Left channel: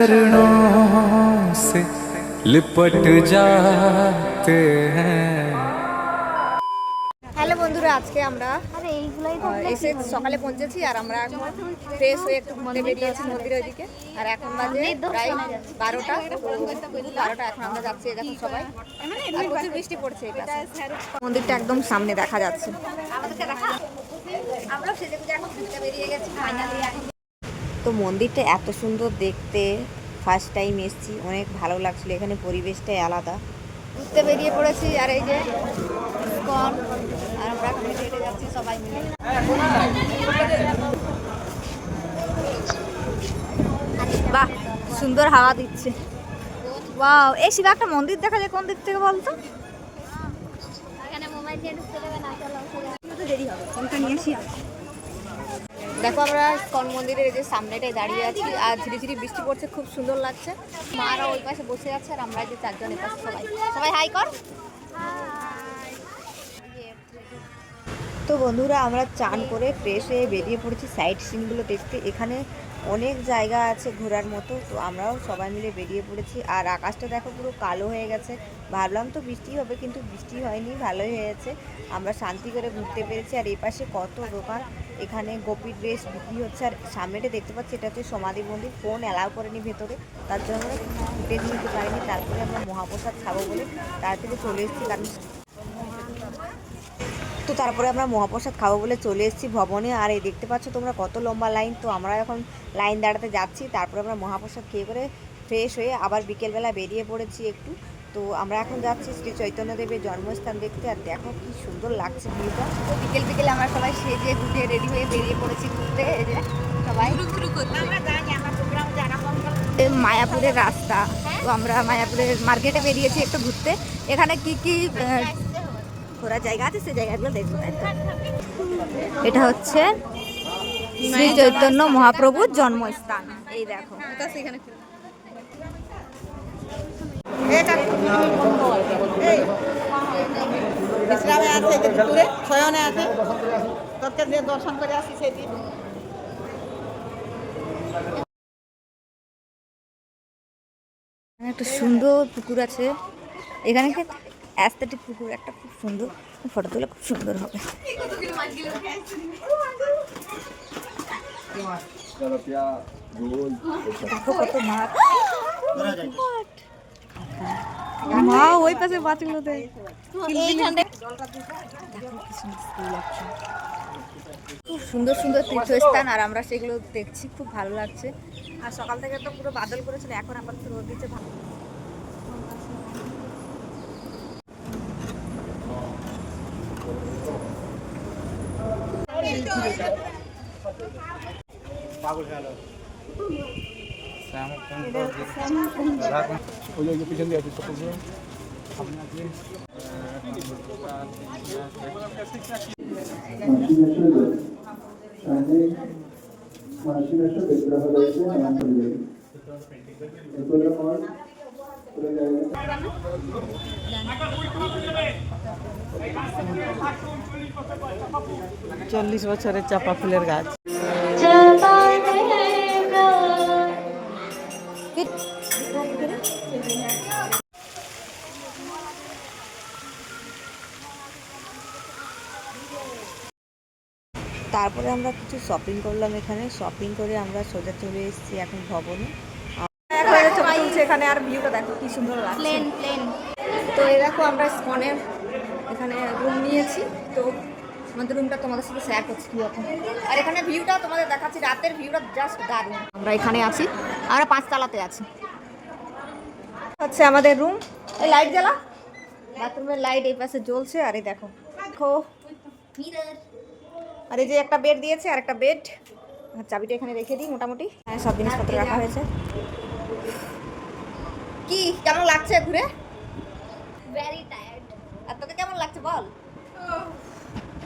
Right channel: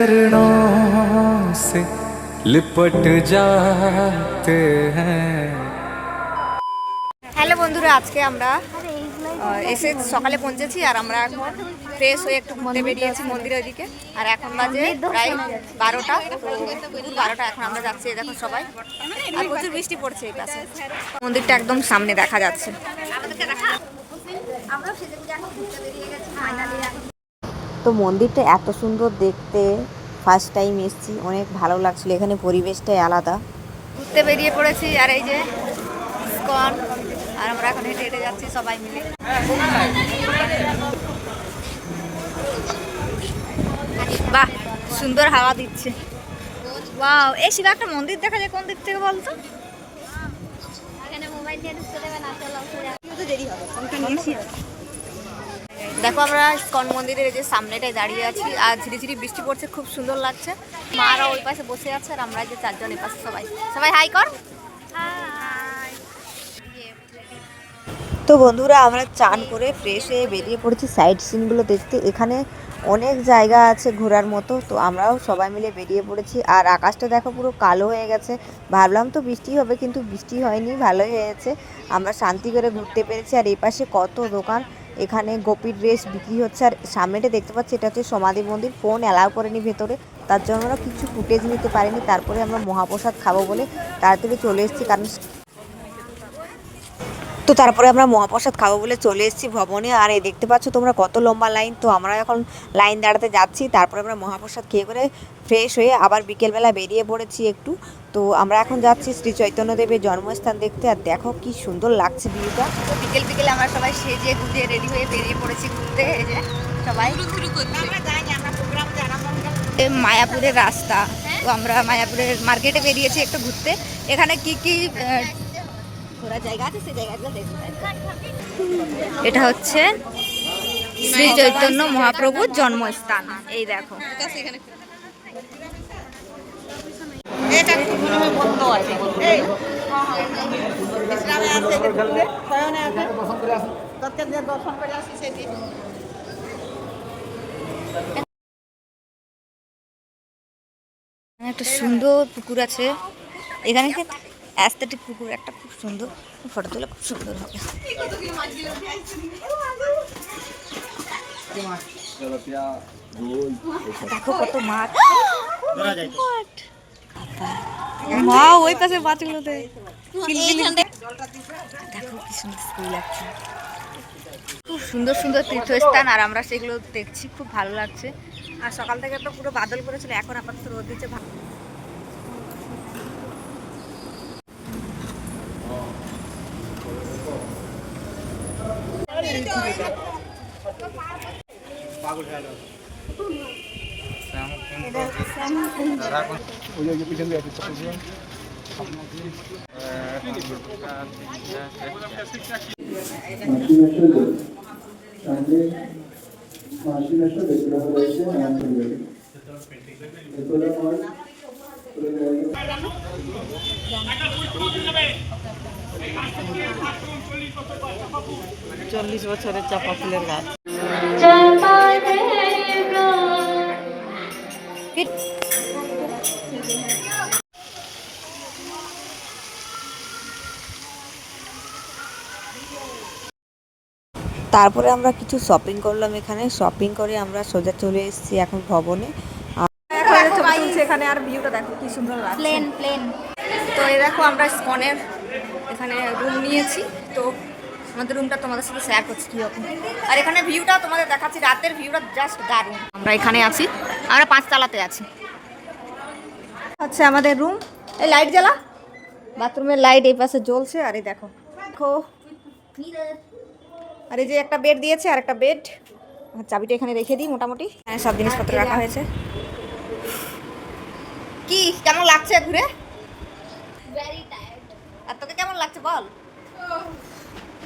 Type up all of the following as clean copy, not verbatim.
चरणों से लिपट जाते हैं। হ্যালো বন্ধুরা, আজকে আমরা এসে সকালে পৌঁছেছি আর আমরা এখন ফ্রেশ হয়ে একটু ঘুরতে বেরিয়েছি মন্দিরের ওইদিকে। আর এখন বাজে প্রায় 12টা, দুপুর 12টা। এখন আমরা যাচ্ছি, দেখো সবাই, আর প্রচুর বৃষ্টি পড়ছে এই পাশে। মন্দিরটা একদম সামনে দেখা যাচ্ছে। আমরা সেজে গুজে এখন ঘুরতে বেরিয়ে গেছি ফাইনালি। তো মন্দিরটা এত সুন্দর দেখতে, ফার্স্ট টাইম এসেছি, অনেক ভালো লাগছিল। এখানে পরিবেশটাই আলাদা। ঘুরতে বেরিয়ে পড়েছি আর এই যে ইসকন, আর আমরা এখন হেঁটে হেঁটে যাচ্ছি সবাই মিলে। বাহ, সুন্দর হাওয়া দিচ্ছে। ওয়াও, এই শিলা একটা মন্দির দেখা যায় কোন দিক থেকে বলতো? দেখো আমরা ইসকন মন্দিরের এই যে সামনেটায় দাঁড়িয়ে আছি আর ঝিরি ঝিরি বৃষ্টি পড়ছে, খুব সুন্দর লাগছে। মারা ওই পাশে বসে আছে আর আমরা যে চারজন এই পাশে সবাই সবাই হাই কর। তো বন্ধুরা, আমরা চান করে ফ্রেশ হয়ে বেরিয়ে পড়েছি সাইড সিনগুলো দেখতে। এখানে অনেক জায়গা আছে ঘোরার মতো, তো আমরাও সবাই মিলে বেরিয়ে পড়েছি। আর আকাশটা দেখো পুরো কালো হয়ে গেছে, ভাবলাম তো বৃষ্টি হবে, কিন্তু বৃষ্টি হয়নি, ভালোই হয়েছে। আমরা শান্তি করে ঘুরতে পেরেছি। আর এই পাশে কত দোকান, এখানে গোপী ড্রেস বিক্রি হচ্ছে। আর সামনেটা দেখতে পাচ্ছি, এটা হচ্ছে সমাধি মন্দির। ফোন অ্যালাউ করেনি ভেতরে, তার জন্য আমরা কিছু ফুটেজ নিতে পারিনি। তারপরে আমরা মহাপ্রসাদ খাবো বলে তাড়াতাড়ি চলে এসেছি, কারণ তারপরে আমরা মহাপ্রসাদ খাবো বলে চলে এসেছি ভবনে। আর এই দেখতে পাচ্ছ তোমরা কত লম্বা লাইন। তো আমরা এখন লাইন দাঁড়াতে যাচ্ছি, তারপরে আমরা মহাপ্রসাদ খেয়ে করে ফ্রেশ হয়ে আবার বিকেলবেলা বেরিয়ে পড়েছি একটু। তো আমরা এখন যাচ্ছি শ্রী চৈতন্যদেবের জন্মস্থান দেখতে। আর দেখো কি সুন্দর লাগছে ভিউটা। তো বিকেল বিকেলে আমরা সবাই সেজে গুজে রেডি হয়ে বেরিয়ে পড়েছি ঘুরতে। এই যে সবাই মায়াপুরের রাস্তা। তো আমরা মায়াপুরের মার্কেটে বেরিয়েছি একটু ঘুরতে। এখানে কি কি ঘোরার জায়গা আছে সেই জায়গাগুলো দেখতে। এটা হচ্ছে শ্রী চৈতন্য মহাপ্রভুর জন্মস্থান। এই দেখো, একটা সুন্দর পুকুর আছে এখানে, অ্যাস্থেটিক পুকুর একটা, খুব সুন্দর। ফটো তুলে খুব সুন্দর হবে। দেখো কত মাছ, মা ওই পাশে মাছগুলোতে। দেখো কি সুন্দর স্কুল লাগছে, খুব সুন্দর সুন্দর তীর্থস্থান। আর আমরা সেগুলো দেখছি, খুব ভালো লাগছে। আর সকাল থেকে তো পুরো বাদল করেছিল, এখন আপাতত রোদ দিচ্ছে। বিগ্রহ রয়েছে। চল্লিশ বছরের চাপা ফুলের গাছ। তারপরে আমরা কিছু শপিং করলাম এখানে। শপিং করে আমরা সোজা চলে এসেছি এখন ভবনে। ছবি তুলছে এখানে, আর ভিউটা দেখো কি সুন্দর লাগছে। তো এই দেখো আমরা স্কনের এখানে রুম নিয়েছি। তো আমাদের রুমটা তোমাদের সাথে শেয়ার করছি কীরকম। আর এখানে ভিউটা তোমাদের দেখাচ্ছি, রাতের ভিউটা জাস্ট দারুণ। আমরা এখানে আছি, আমরা 5 তলাতে আছি। হচ্ছে আমাদের রুম। এই লাইট জ্বালা, বাথরুমের লাইট এই পাশে জ্বলছে। আর এই দেখো দেখো, আর এই যে একটা বেড দিয়েছে, আর একটা বেড। চাবিটা এখানে রেখে দিই। মোটামুটি সব জিনিসপত্র রাখা হয়েছে। কি কেমন লাগছে ঘুরে? Very tired. আর তোকে কেমন লাগছে বল?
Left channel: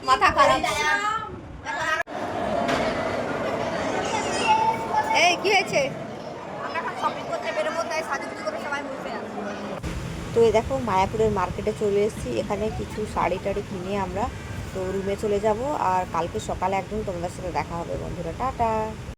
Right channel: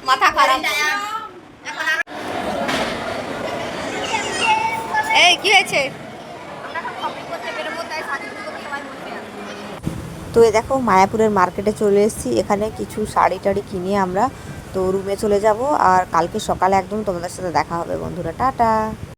মাথা খারাপ। এই কি হয়েছে? তো এই দেখো মায়াপুরের মার্কেটে চলে এসেছি। এখানে কিছু শাড়ি টাড়ি কিনে আমরা তো রুমে চলে যাব। আর কালকে সকালে একদম তোমাদের সাথে দেখা হবে বন্ধুরা। টাটা।